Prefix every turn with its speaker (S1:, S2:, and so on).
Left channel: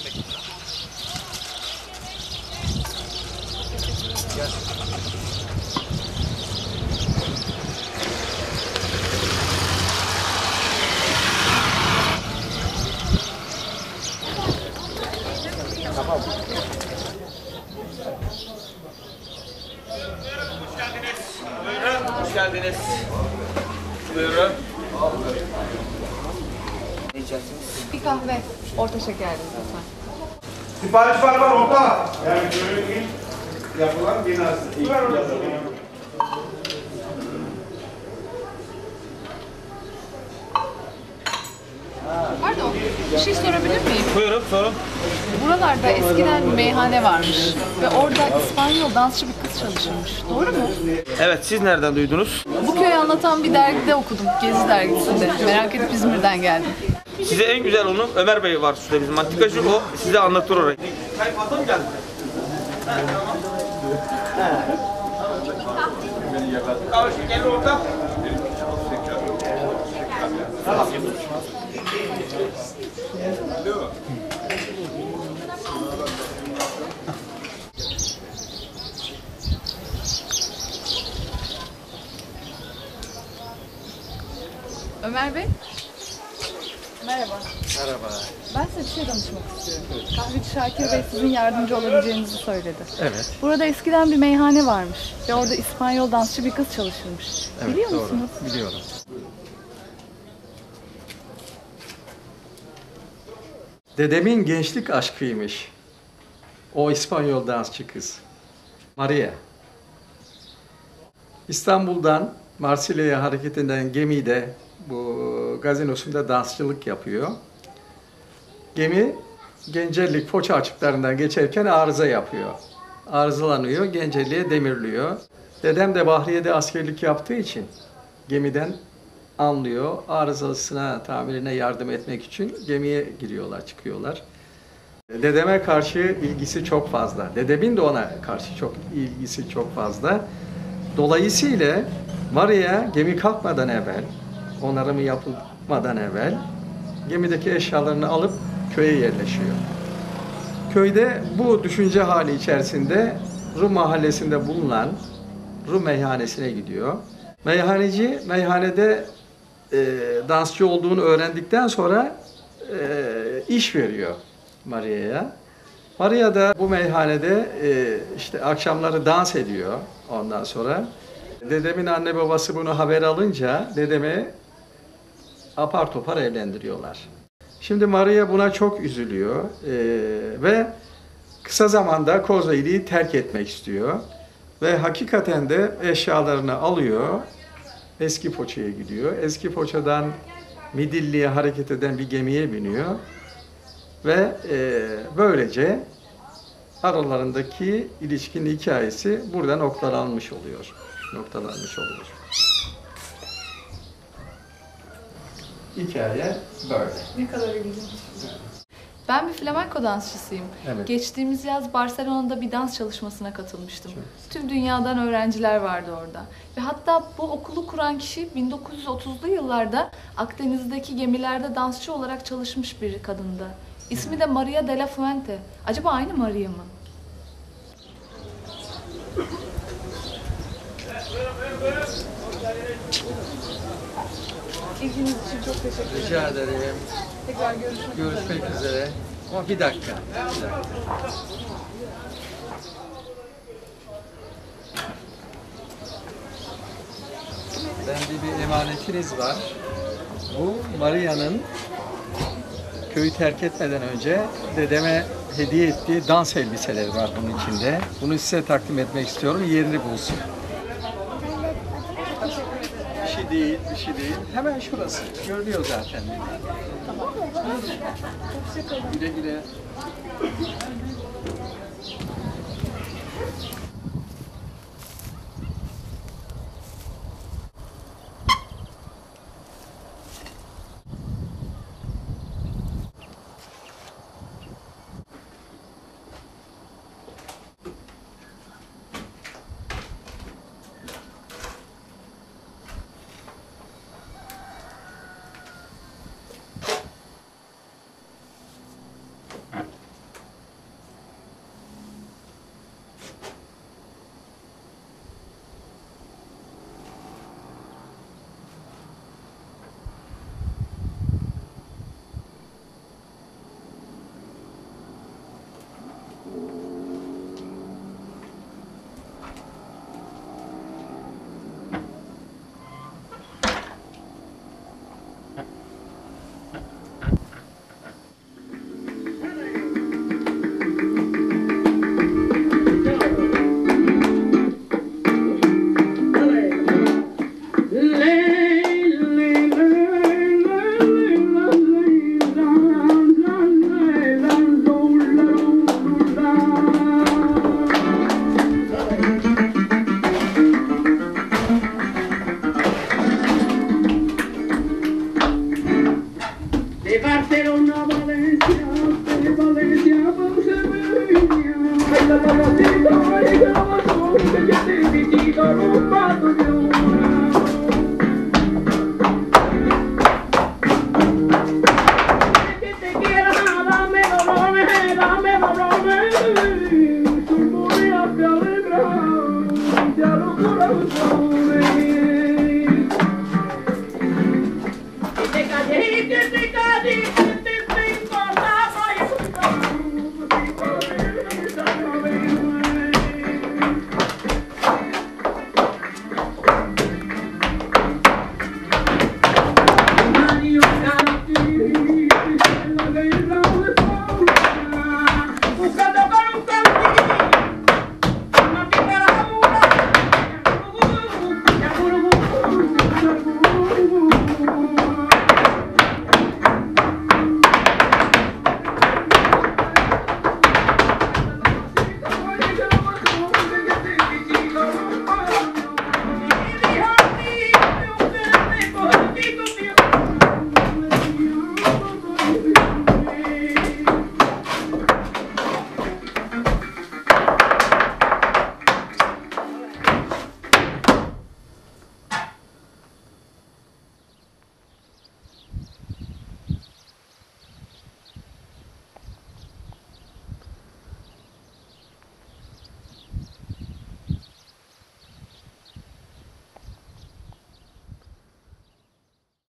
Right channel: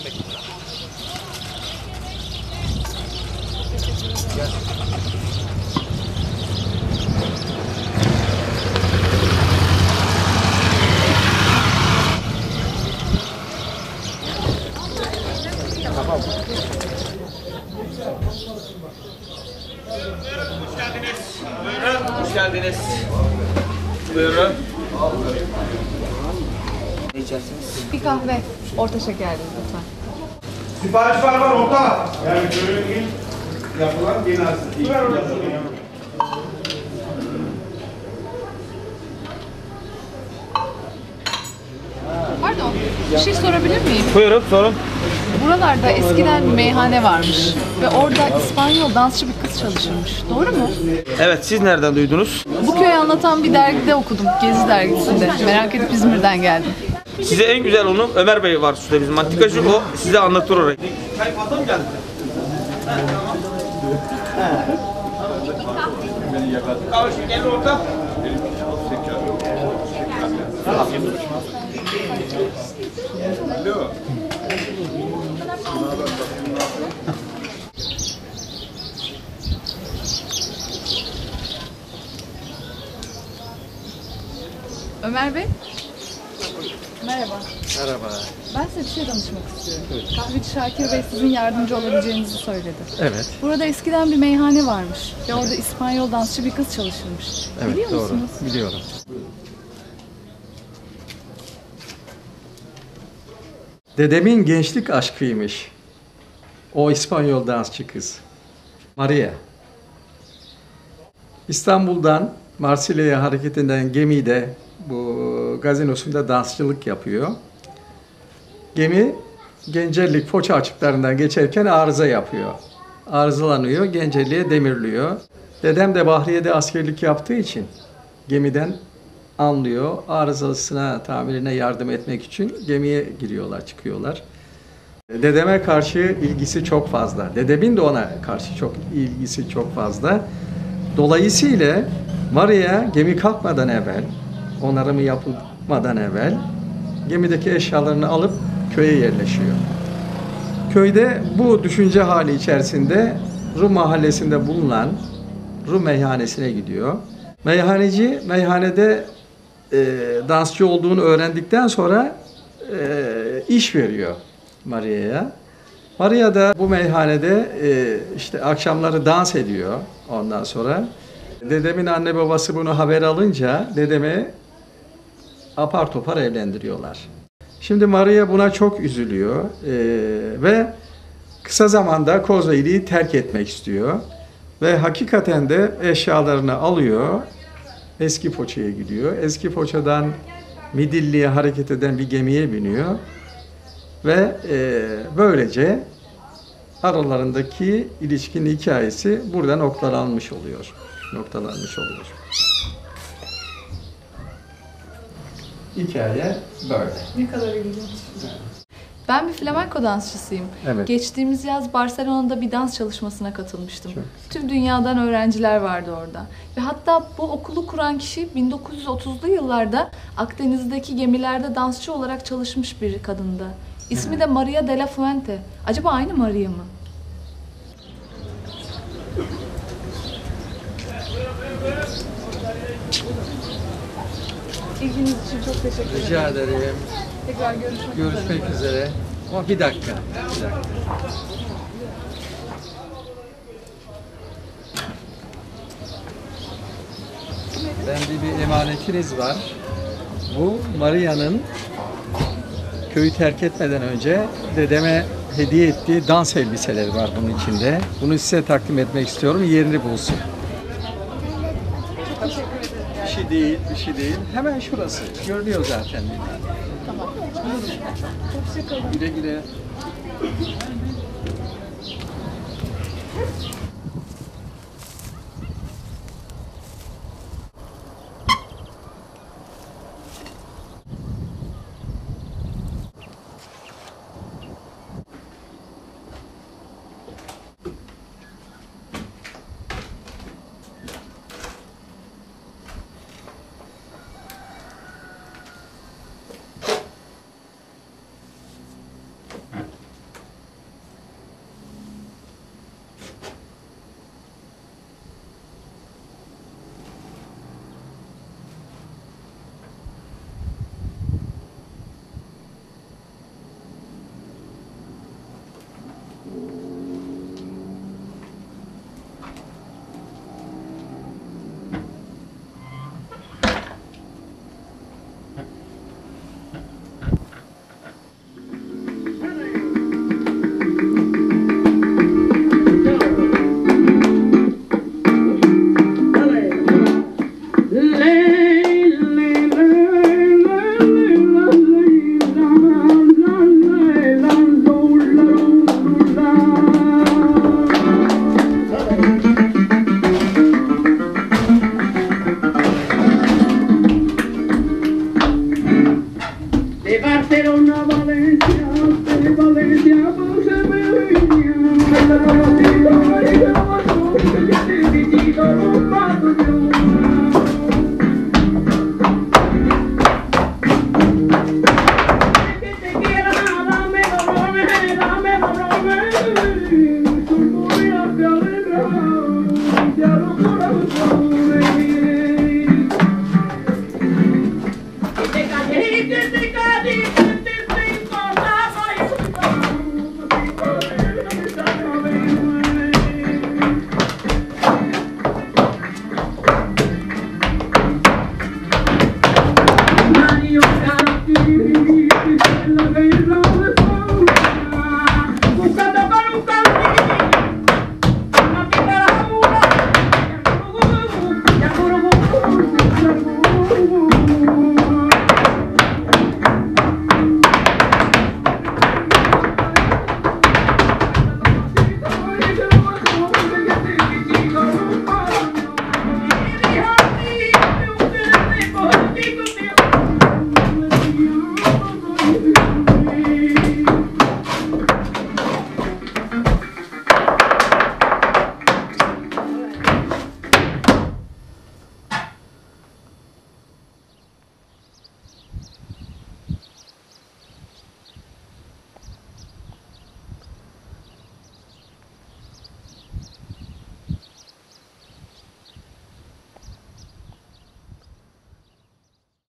S1: 15 lira. Tamam.
S2: Hoş geldiniz. Buyurun.
S1: Ne içersiniz?
S3: Bir kahve. Orta şekerli lütfen.
S4: Sipariş var var orta. Yani böyle ilk yapılan binası. İlk yapılan.
S3: Pardon, bir şey sorabilir miyim?
S2: Buyurun sorun.
S3: Buralarda eskiden bir meyhane varmış ve orada İspanyol dansçı bir kız çalışırmış. Doğru mu?
S2: Evet siz nereden duydunuz?
S3: Bu köyü anlatan bir dergide okudum, Gezi dergisinde. Merak edip İzmir'den geldim.
S2: Size en güzel onu Ömer Bey var şurada bizim antikacı o size anlatır orayı. Çay fazla mı geldi? Kahve orta.
S3: Ömer Bey. Merhaba.
S1: Merhaba.
S3: Ben size bir şey danışmak istiyorum. Kahveci Şakir Bey sizin yardımcı olabileceğinizi söyledi.
S1: Evet.
S3: Burada eskiden bir meyhane varmış ve orada İspanyol dansçı bir kız çalışırmış.
S1: Evet
S3: Biliyor
S1: doğru.
S3: musunuz?
S1: Biliyorum. Dedemin gençlik aşkıymış. O İspanyol dansçı kız. Maria. İstanbul'dan Marsilya'ya hareket eden gemide bu gazinosunda dansçılık yapıyor. Gemi Gencerlik Foça açıklarından geçerken arıza yapıyor. Arızalanıyor, Gencerliğe demirliyor. Dedem de Bahriye'de askerlik yaptığı için gemiden anlıyor. Arızasına, tamirine yardım etmek için gemiye giriyorlar, çıkıyorlar. Dedeme karşı ilgisi çok fazla. Dedemin de ona karşı çok ilgisi çok fazla. Dolayısıyla Maria gemi kalkmadan evvel, onarımı yapılmadan evvel gemideki eşyalarını alıp köye yerleşiyor. Köyde bu düşünce hali içerisinde Rum mahallesinde bulunan Rum meyhanesine gidiyor. Meyhaneci meyhanede e, dansçı olduğunu öğrendikten sonra e, iş veriyor Maria'ya. Maria da bu meyhanede e, işte akşamları dans ediyor ondan sonra. Dedemin anne babası bunu haber alınca dedemi apar topar evlendiriyorlar. Şimdi Maria buna çok üzülüyor e, ve kısa zamanda Kozlo'yu terk etmek istiyor. Ve hakikaten de eşyalarını alıyor, eski Foça'ya gidiyor. Eski Foça'dan Midilli'ye hareket eden bir gemiye biniyor. Ve e, böylece aralarındaki ilişkinin hikayesi burada noktalanmış oluyor. Noktalanmış oluyor. Hikaye böyle.
S3: Ne kadar ilginç. Ben bir flamenco dansçısıyım.
S1: Evet.
S3: Geçtiğimiz yaz Barcelona'da bir dans çalışmasına katılmıştım.
S1: Çok.
S3: Tüm dünyadan öğrenciler vardı orada. Ve hatta bu okulu kuran kişi 1930'lu yıllarda Akdeniz'deki gemilerde dansçı olarak çalışmış bir kadındı. İsmi de Maria de la Fuente. Acaba aynı Maria mı? İlginiz için çok teşekkür ederim.
S1: Rica ederim.
S3: Tekrar görüşmek üzere.
S1: Görüşmek üzere. Ama bir dakika. Bir dakika. Bende bir emanetiniz var. Bu Maria'nın köyü terk etmeden önce dedeme hediye ettiği dans elbiseleri var bunun içinde. Bunu size takdim etmek istiyorum. Yerini bulsun. Değil, bir şey değil. Hemen şurası. Görünüyor zaten. Güle güle.
S5: de Barcelona a Valencia. Significado